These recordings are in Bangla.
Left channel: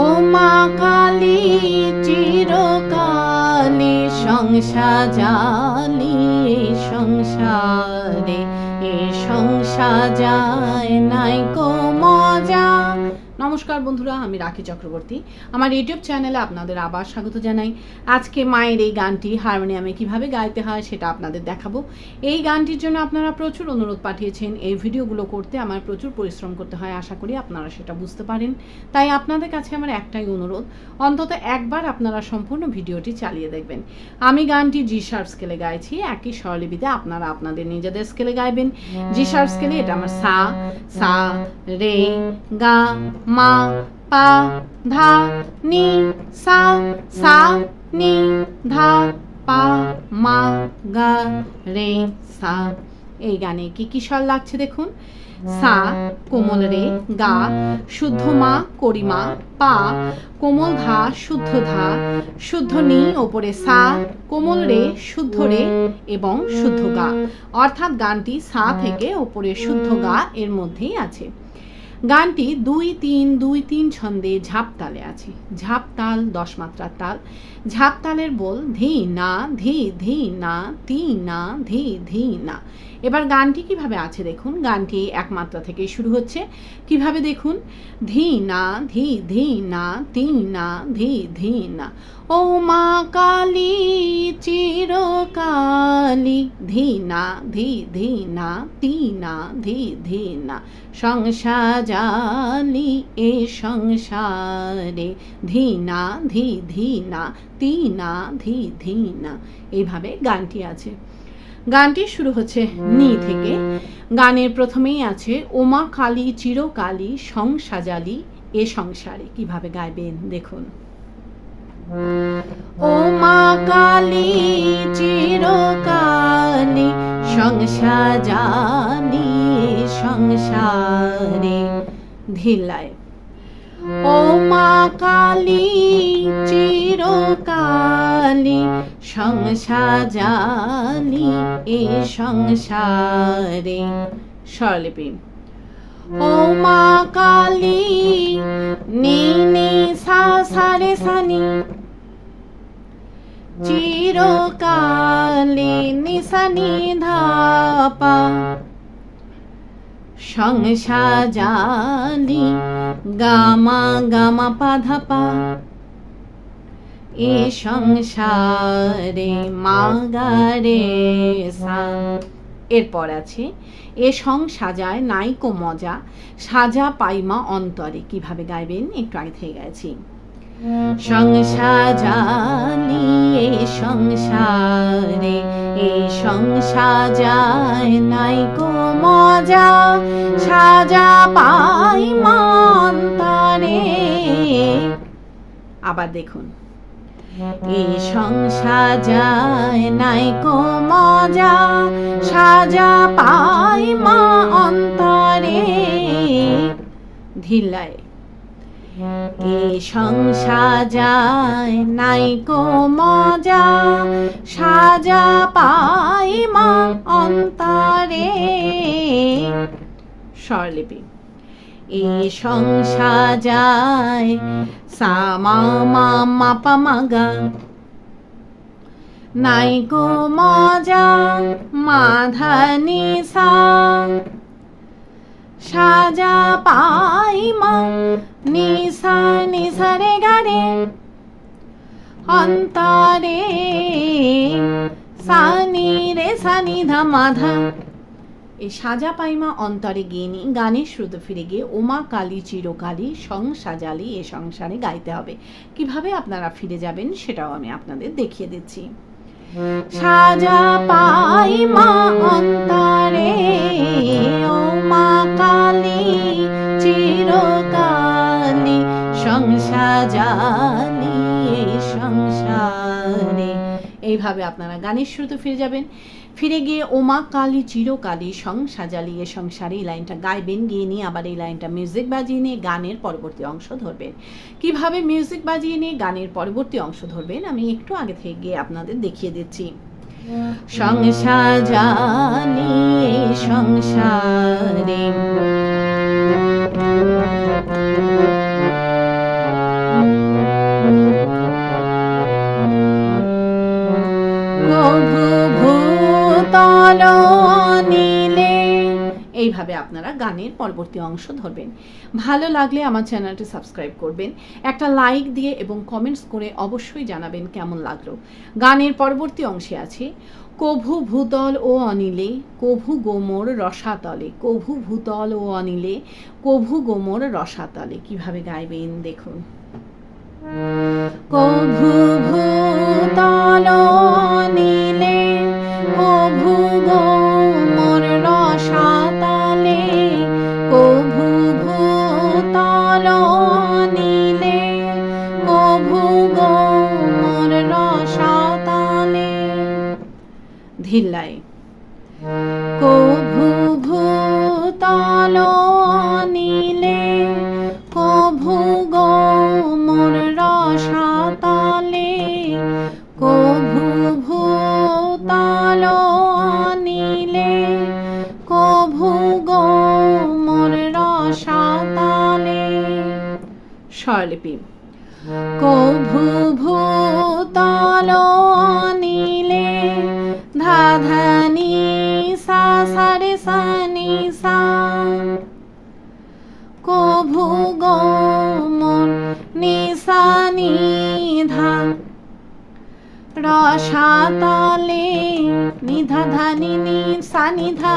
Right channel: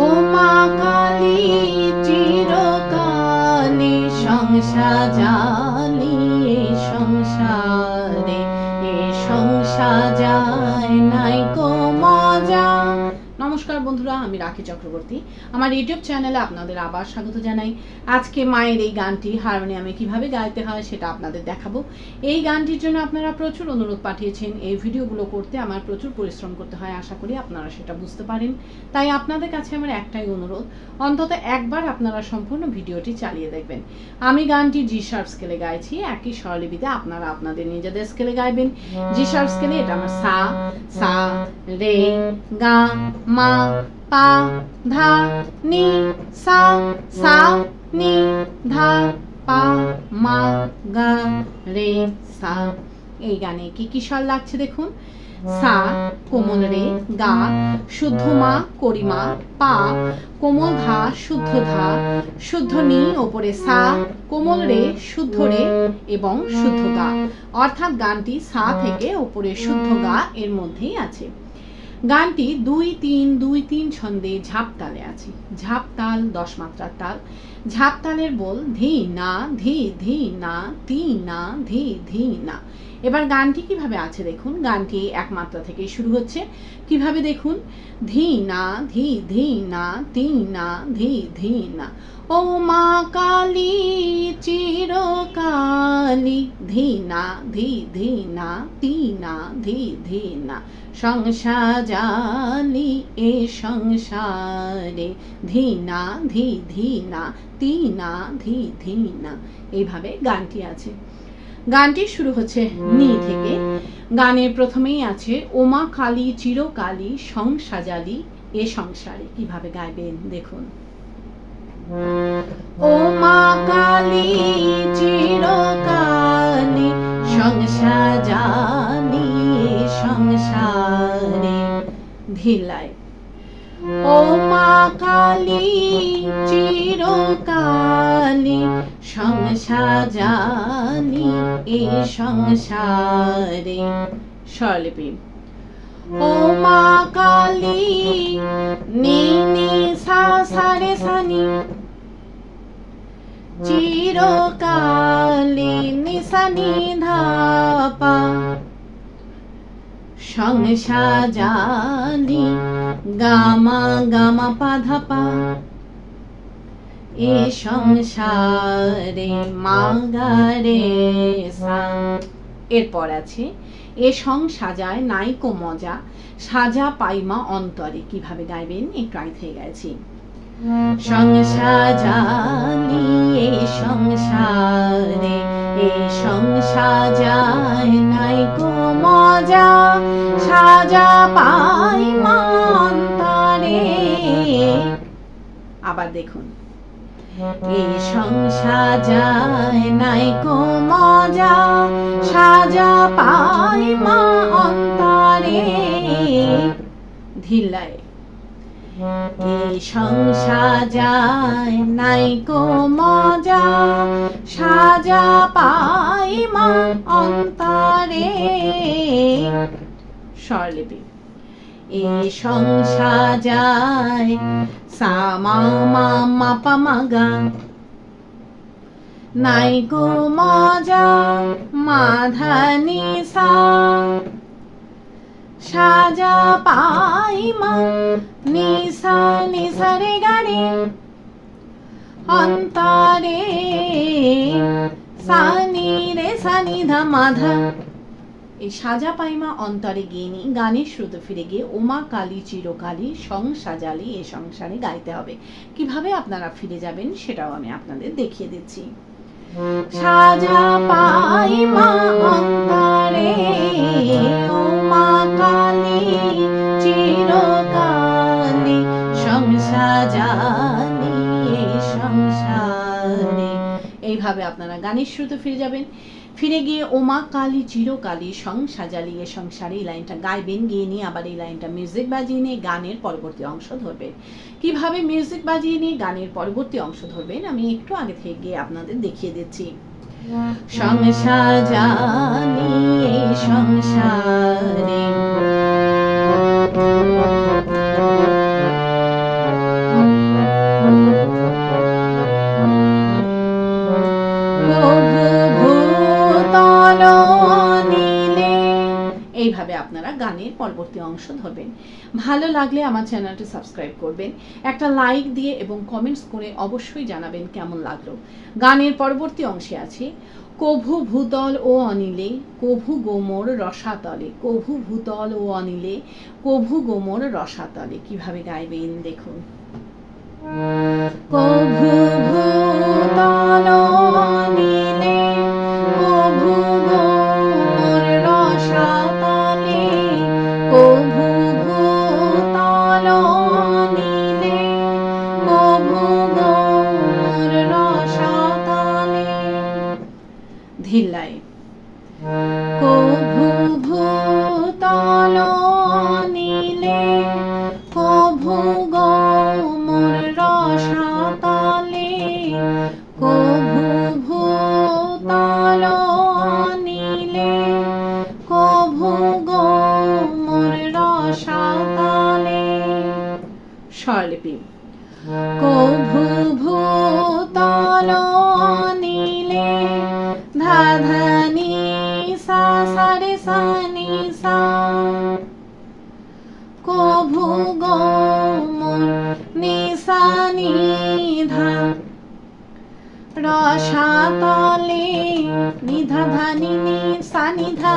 ও মা কালী চিরকালী সংসাজালি এ সংসারে এ সংসার যায় নাই কো মজা। নমস্কার বন্ধুরা, আমি রাখি চক্রবর্তী। আমার ইউটিউব চ্যানেলে আপনাদের আবার স্বাগত জানাই। আজকে মায়ের এই গানটি হারমোনিয়ামে কিভাবে গাইতে হয় সেটা আপনাদের দেখাবো। এই গানটির জন্য আপনারা প্রচুর অনুরোধ পাঠিয়েছেন। এই ভিডিওগুলো করতে আমার প্রচুর পরিশ্রম করতে হয়, আশা করি আপনারা সেটা বুঝতে পারেন। তাই আপনাদের কাছে আমার একটাই অনুরোধ, অন্তত একবার আপনারা সম্পূর্ণ ভিডিওটি চালিয়ে দেখবেন। আমি গানটি জি শার্প স্কেলে গাইছি, একই স্বরলিপিতে আপনারা আপনাদের নিজেদের স্কেলে গাইবেন। জি শার্প স্কেলে এটা আমার সা সা রে গা মা পা ধা নি সা সা নি ধা পা মা গা রে সা। এই গানে কি কি স্বর লাগছে দেখুন। সা কোমল রে, গা শুদ্ধ মা করিমা, পা কোমল ধা শুদ্ধ ধা, শুদ্ধ নি ওপরে সা, কোমল রে শুদ্ধ রে এবং শুদ্ধ গা। অর্থাৎ গানটি সা থেকে ওপরে শুদ্ধ গা এর মধ্যেই আছে। গানটি 2-3-2-3 ছন্দে ঝাপ তালে আছে। ঝাপ তাল 10 মাত্রার তাল। ঝাপ তালের বল ধি না ধি ধি না তি না ধি ধি না। এবার গানটি কিভাবে আছে দেখুন। গানটি এক মাত্রা থেকে শুরু হচ্ছে। কিভাবে দেখুন, ধি না ধি ধি না তি না ধি ধি না। ও মা কালী চিরকালী ধি না ধি ধি না তি না ধি ধি না। সংসাজালি এ সংসারে ধি না ধি ধি না তি না ধি ধি না। এইভাবে গানটি আছে। গানটি শুরু হচ্ছে নি থেকে। গানের প্রথমেই আছে ওমা কালী চিরকালী সংসাজালি এ সংসারে। কিভাবে গাইবেন দেখুন। ও মা কালী চিরকালী সংসাজালি এ সংসারে ধিলায়। ও মা কালী চিরকালী সংসাজালি এ সংসারে স্বরলিপি। ও মা কালী নি নি সা সা রে সা নি, চিরকালী নি সা নি ধা পা, সংসাজালি গামা গামা পা ধা পা এ সংসারে মা গা রে সা। এরপর আছে এ সংসাজায় নাইকো মজা, সাজা পাইমা অন্তরে। কিভাবে গাইবেন একটু আগে থেকে গেছি। সংসাজালি এ সংসারে এ সংসাজায় নাইকো মজা, সাজা পাইমা অন্তরে। আবার দেখুন, এই সংসাজায় নাইকো মজা, সাজা পাইমা অন্তরে ধিলায়। এই সংসাজায় নাইকো মজা, সাজা পাইমা অন্তরে স্বরলিপি। এই সংসাজায় সা মা মা মা পা মা গা, নাইকো মজা মা ধা নি সা, সাজা পাইমা নি সা রে গা রে অন্তরে সা নি রে সা নি ধা মা ধা। এই সাজা পাইমা অন্তরে গিয়ে নি গানের শ্রুত ফিরে গিয়ে ওমা কালী চিরকালী সংসাজালি এ সংসারে গাইতে হবে। কিভাবে আপনারা ফিরে যাবেন সেটাও আমি আপনাদের দেখিয়ে দিচ্ছি। সাজা পাইমা অন্তরে ওমা কালী চিরকালী সংসাজালি এ সংসারে। এইভাবে আপনারা গানের শ্রুতে ফিরে যাবেন। ফিরে গিয়ে ওমা কালী চিরকালী সংসাজালি এ সংসারে এই লাইনটা গাইবেন। গিয়ে নিয়ে আবার এই লাইনটা মিউজিক বাজিয়ে নিয়ে গানের পরবর্তী অংশ ধরবেন। কিভাবে মিউজিক বাজিয়ে নিয়ে গানের পরবর্তী অংশ ধরবেন আমি একটু আগে থেকে গিয়ে আপনাদের দেখিয়ে দিচ্ছি। সংসাজালি এ সংসারে গানের পরবর্তী অংশ ধরবেন। ভালো লাগলে আমার চ্যানেলটি সাবস্ক্রাইব করবেন, একটা লাইক দিয়ে এবং কমেন্টস করে অবশ্যই জানাবেন কেমন লাগলো। গানের পরবর্তী অংশে আছে কভু ভূতল ও অনিলে কভু গোমর রসাতলে, কভু ভূতল ও অনিলে কভু গোমর রসাতলে। কিভাবে গাইবেন দেখুন। কভু ভূতল অনিলে কভু গোমর রসাতলে, কভু ভূতল অনিলে কভু গোমর রসাতলে। ধিল্লায় কভু ভূতল অনিলে কভু গোমর রসাতলে, কভু ভূতল অনিলে কভু গোমর রসাতলে। স্বরলিপি কভু ভূতল অনিলে ধা ধা নি সা সা রে সা নি সা, কভু গোমর নি সা নি ধা রসাতলে নি ধা ধা নি নি সা নি ধা,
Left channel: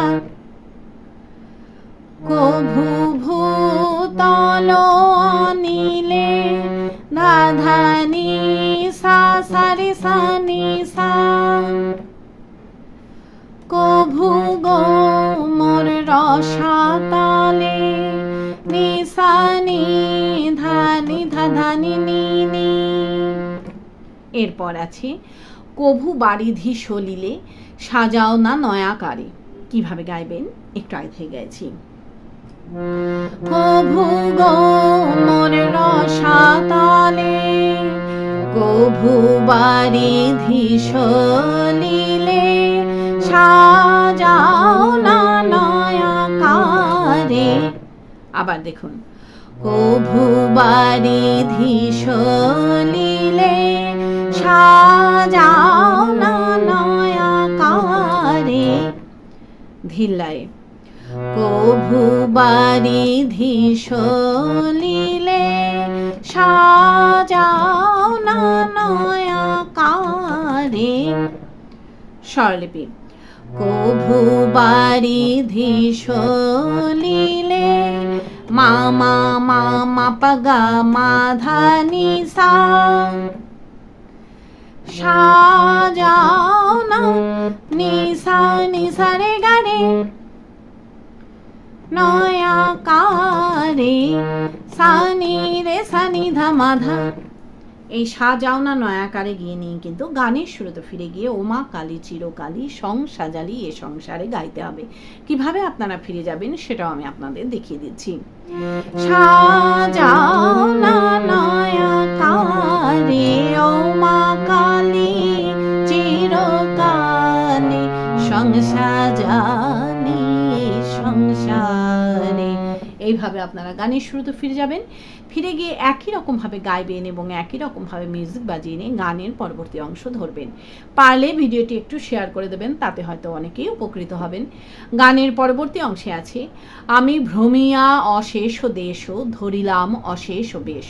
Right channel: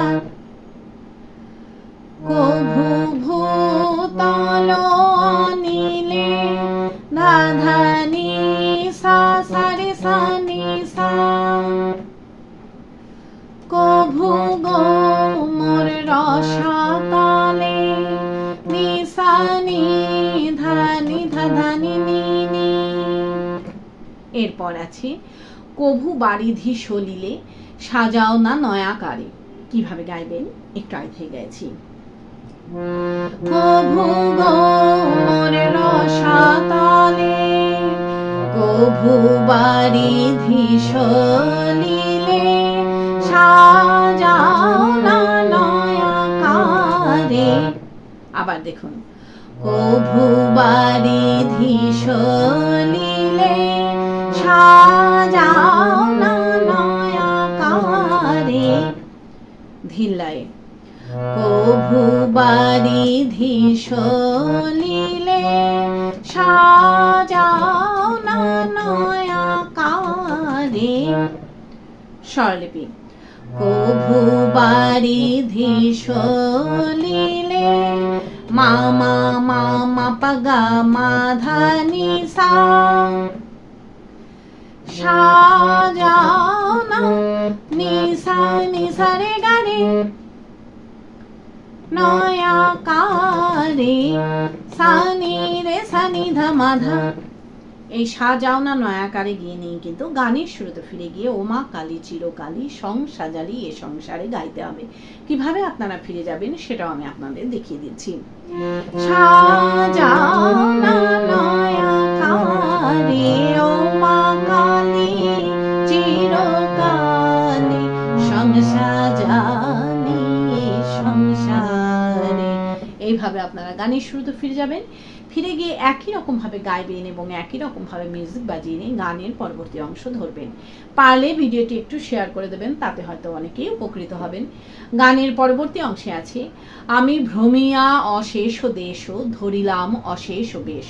কভু ভূতল অনিলে ধা ধা নি সা সা রে সা নি সা, কভু গোমর রসাতলে নি সা নি ধা নি ধা ধা নি নি নি। এরপর আছে কভু বারিধি সলিলে সাজাও না নয়াকারে। কিভাবে গাইবেন একটু আগে থেকে গাইছি। কভু গোমর রসাতলে কভু বারিধি সলিলে সাজাও না নয়াকারে। আবার দেখুন কভু বারিধি সলিলে সাজাও না নয়াকারে। ধিল্লায় কভু বারিধি সলিলে সাজাও না নয়াকারে। স্বরলিপি কভু বারিধি সলিলে মা মা মা মা পা গা মা ধা নি সা, সাজাও না নি সা রে গা রে নয়াকারে সা নি রে সা নি ধা মা ধা। এই সাজাও না নয়াকারে গিয়ে নিয়ে কিন্তু গানের শুরুতে ফিরে গিয়ে ওমা কালী চিরকালী সং সাজালি এ সংসারে গাইতে হবে। কিভাবে আপনারা ফিরে যাবেন সেটাও আমি আপনাদের দেখিয়ে দিচ্ছি। সাজাও না নয়াকারে ওমা কালী চিরকালী সং সাজালি এ সংসারে। এইভাবে আপনারা গানের শুরুতে ফিরে যাবেন, ফিরে গিয়ে একই রকম ভাবে গাইবেন এবং একই রকম ভাবে মিউজিক বাজিয়ে নিয়ে গানের পরবর্তী অংশ ধরবেন। পারলে ভিডিওটি একটু শেয়ার করে দেবেন, তাতে হয়তো অনেকেই উপকৃত হবেন। গানের পরবর্তী অংশে আছে আমি ভ্রমিয়া অশেষ দেশ ধরিলাম অশেষ বেশ,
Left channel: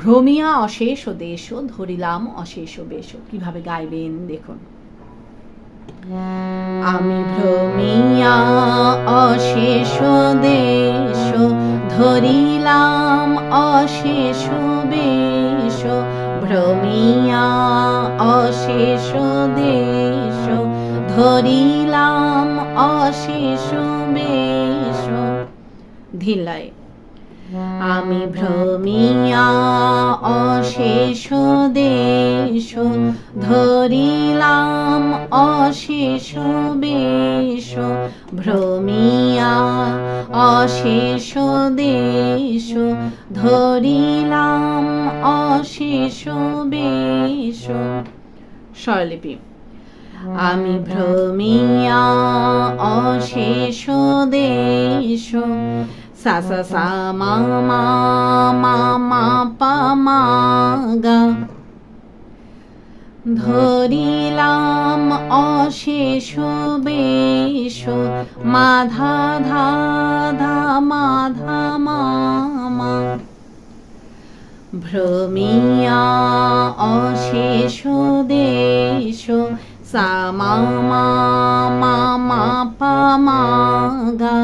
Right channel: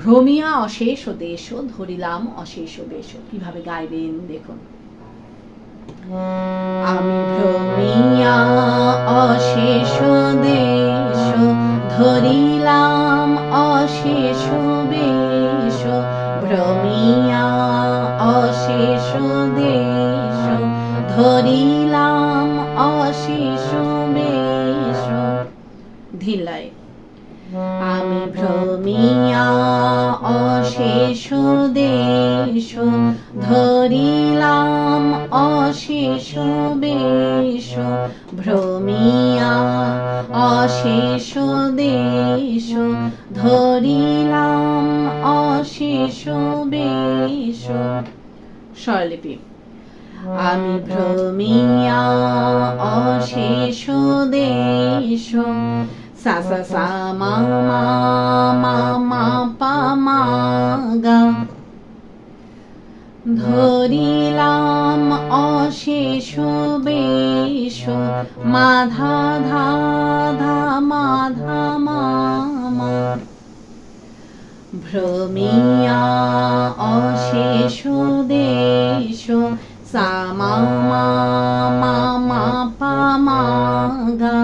ভ্রমিয়া অশেষ দেশ ধরিলাম অশেষ বেশ। কিভাবে গাইবেন দেখুন। আমি ভ্রমিয়া অশেষ দেশ ধরিলাম অশেষ বেশ, ভ্রমিয়া অশেষ দেশ ধরিলাম অশেষ বেশ। ধিল্লায় আমি ভ্রমিয়া অশেষ দেশ ধরিলাম অশেষ বেশ, ভ্রমিয়া অশেষ দেশ ধরিলাম অশেষ বেশ। স্বরলিপি আমি ভ্রমিয়া অশেষ দেশ সা সা সা মা মা মা মা পা মা গা, ধরিলাম অশেষ বেশ মা ধা ধা ধা মা ধা মা মা। ভ্রমিয়া অশেষ দেশ সা মা মা মা মা পা মা গা।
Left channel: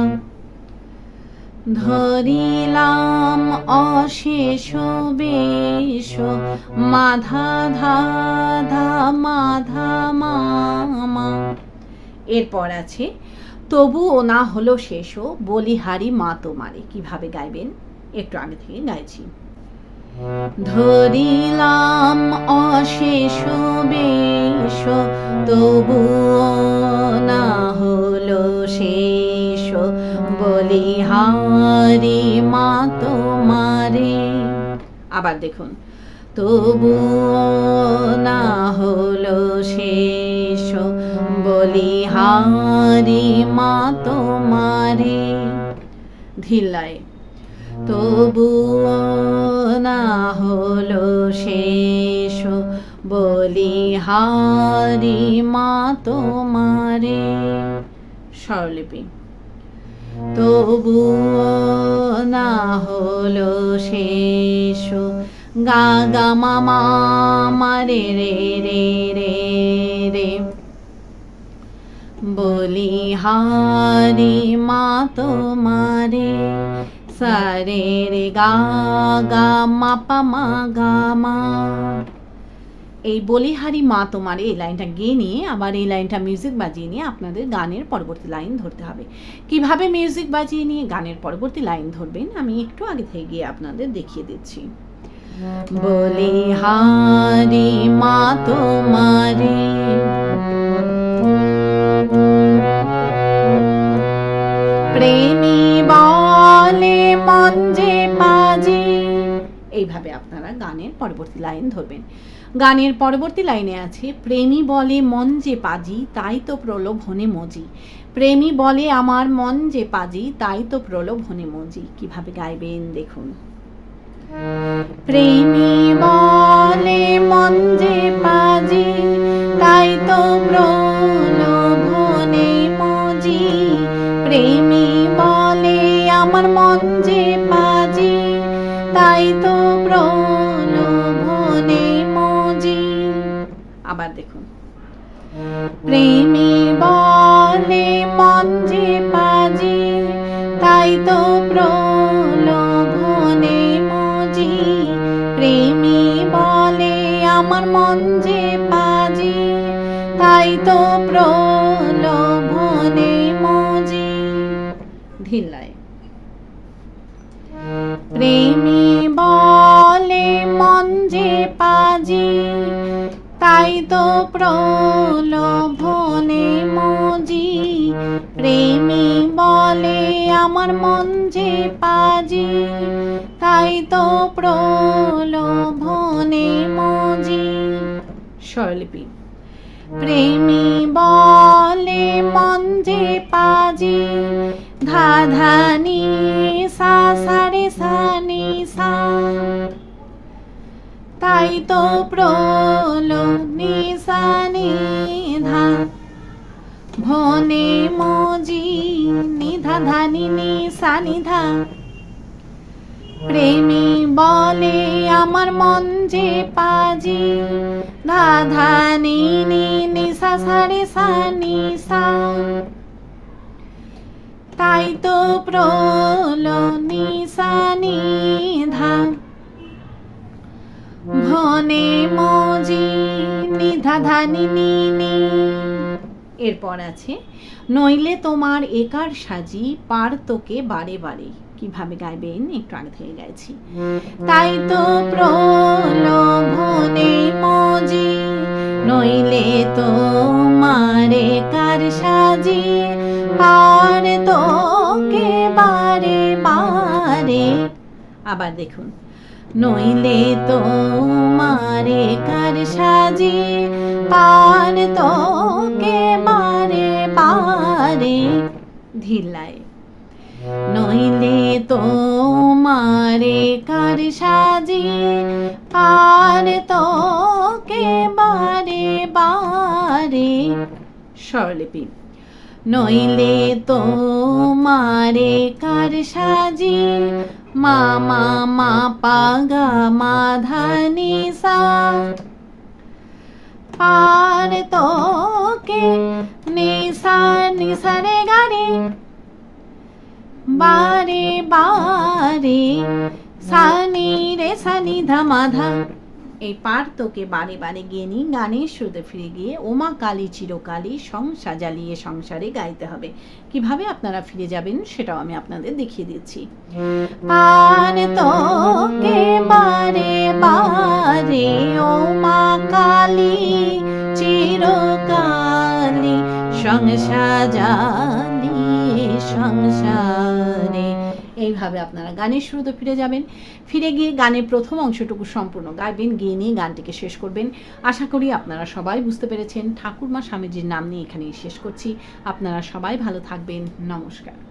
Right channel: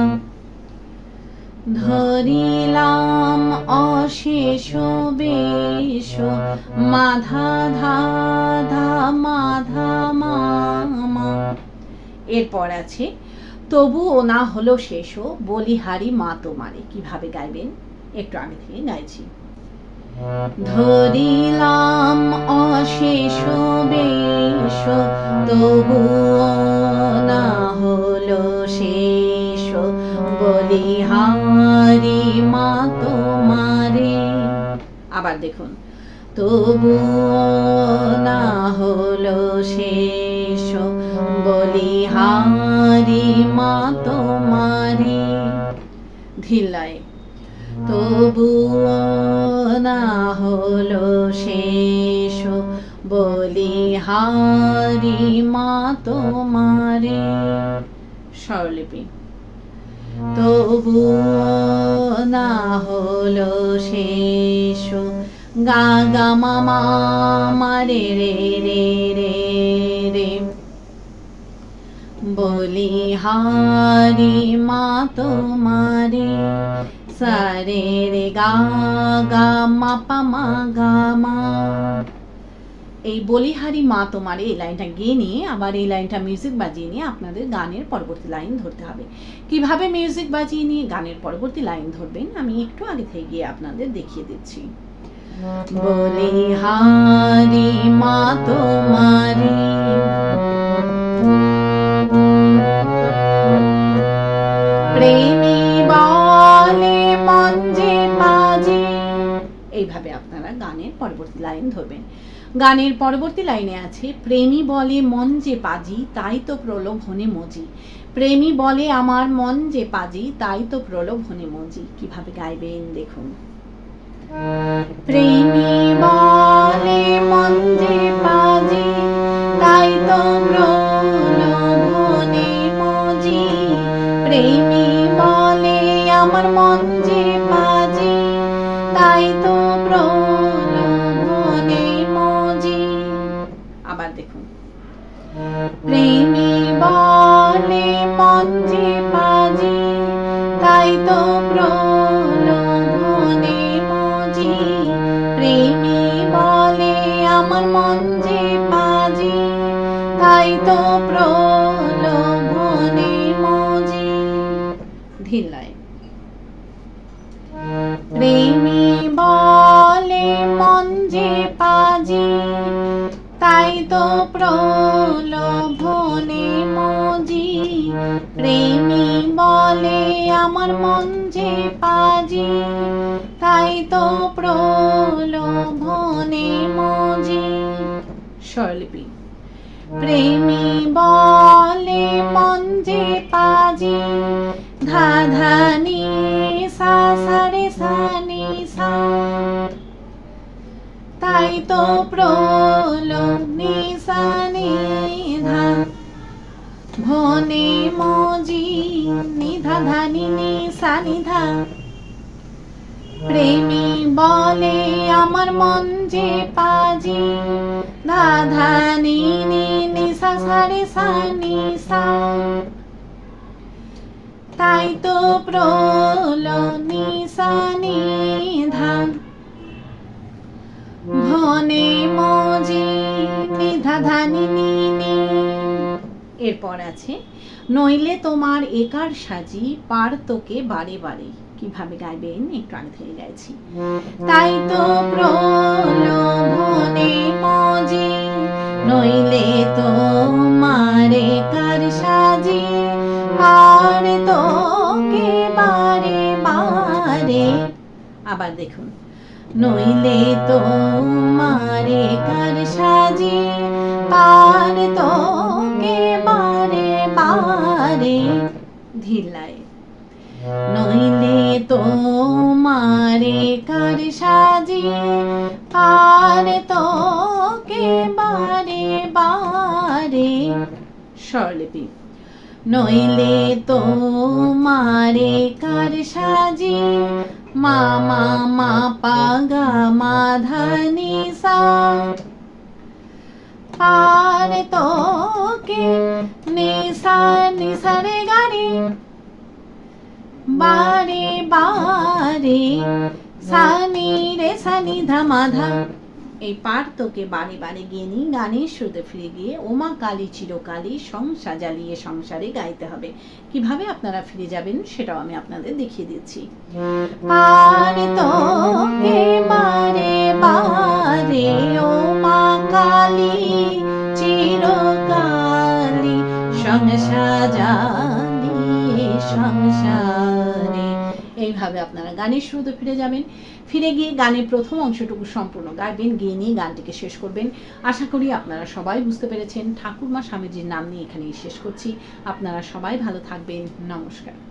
ধরিলাম অশেষ বেশ মা ধা ধা ধা মা ধা মা মা। এরপর আছে তবুও না হলো শেষ বলিহারি মা তোমারে। কিভাবে গাইবেন একটু আগে থেকে গাইছি। ধরিলাম অশেষ বেশ তবুও না হলো শেষ বলিহারি মা তোমারে। আবার দেখুন, তবুও না হলো শেষ বলিহারি মা তোমারে। ধিল্লায় তবুও না হলো শেষ বলিহারি মা তোমারে। স্বরলিপি তবুও না হলো শেষ গা গা মা মা মা রে রে রে রে রে বলিহারি মা তোমারে। সা রে রে গা গা মা পা মা গা মা। এই বলিহারি মা তোমারে এই লাইনটা গেয়ে নিয়ে আবার এই লাইনটা মিউজিক বাজিয়ে নিয়ে আপনাদের গানের পরবর্তী লাইন ধরতে হবে। কিভাবে মিউজিক বাজিয়ে নিয়ে গানের পরবর্তী লাইন ধরবেন আমি একটু আগে থেকে গিয়ে আপনাদের দেখিয়ে দিচ্ছি। বলিহারি মা তোমারে প্রেমী বলে মন যে বাজি। এইভাবে আপনারা গানের পরবর্তী লাইন ধরবেন। গানের পরবর্তী লাইনে আছে প্রেমী বলে মন যে পাজি তাই তো প্রলোভনে মজি। প্রেমী বলে আমার মন যে পাজি তাই তো প্রলোভনে মজি। কিভাবে গাইবেন দেখুন। প্রেমী বলে মন যে পাজি তাই তো প্রলোভনে মজি। প্রেমী বলে আমার মন যে পাজি তাই তো প্রলোভনে মজি। আবার দেখুন, প্রেমী বলে মন যে পাজি তাই তো প্রলোভনে মজি। প্রেমী বলে আমার মন যে পাজি তাই তো প্রলোভনে মজি। ধিল্লায় প্রেমী বলে মন যে পাজি তাই তো প্রলোভনে মজি। প্রেমী বলে আমার মন যে পাজি তাই তো প্রলোভনে মজি। স্বরলিপি প্রেমী বলে মন যে পাজি ধা ধা নি সা সা রে সা নি সা তাই তো প্রলোভনে সা নি ধা ভনে মজি নি ধা ধা নি নি সা নি ধা। প্রেমী বলে আমার মন যে পাজি ধা ধা নি নি নি সা সা রে সা নি সা তাই তো প্রলোভনে সা নি ধা ভনে মজি নি ধা ধা নি নি নি। এরপর আছে নইলে তোমার একার সাজি পার তোকে বারে বারে। কিভাবে গাইবেন একটু আগে থেকে গাইছি। তাই তো প্রলোভনে মজি নইলে তোমার একার সাজি পার তোকে বারে বারে। আবার দেখুন, নইলে তোমার একার সাজি পার তোকে বারে বারে। ধিল্লায় নইলে তোমার একার সাজি পার তোকে বারে বারে। স্বরলিপি নইলে তোমারে কার সাজি মা মা মা পা গা মা ধা নি সা পার তোকে নিসা নিসা রে গা রে বারে বারে সানি রে সানি ধা মা ধা। এই পার তোকে বারে বারে গিয়ে নি গানের সুরে ফিরে গিয়ে ওমা কালী চিরকালী সংসার জ্বালিয়ে সংসারে গাইতে হবে। কিভাবে আপনারা ফিরে যাবেন সেটাও আমি আপনাদের দেখিয়ে দিচ্ছি। পার তোকে বারে বারে ওমা কালী চিরকালী সংসার জ্বালিয়ে সংসারে। এইভাবে আপনারা গানের শুরুতে ফিরে যাবেন। ফিরে গিয়ে গানের প্রথম অংশটুকু সম্পূর্ণ গাইবেন, গিয়ে নিয়ে গানটিকে শেষ করবেন। আশা করি আপনারা সবাই বুঝতে পেরেছেন। ঠাকুরমা স্বামীজির নাম নিয়ে এখানেই শেষ করছি। আপনারা সবাই ভালো থাকবেন। নমস্কার।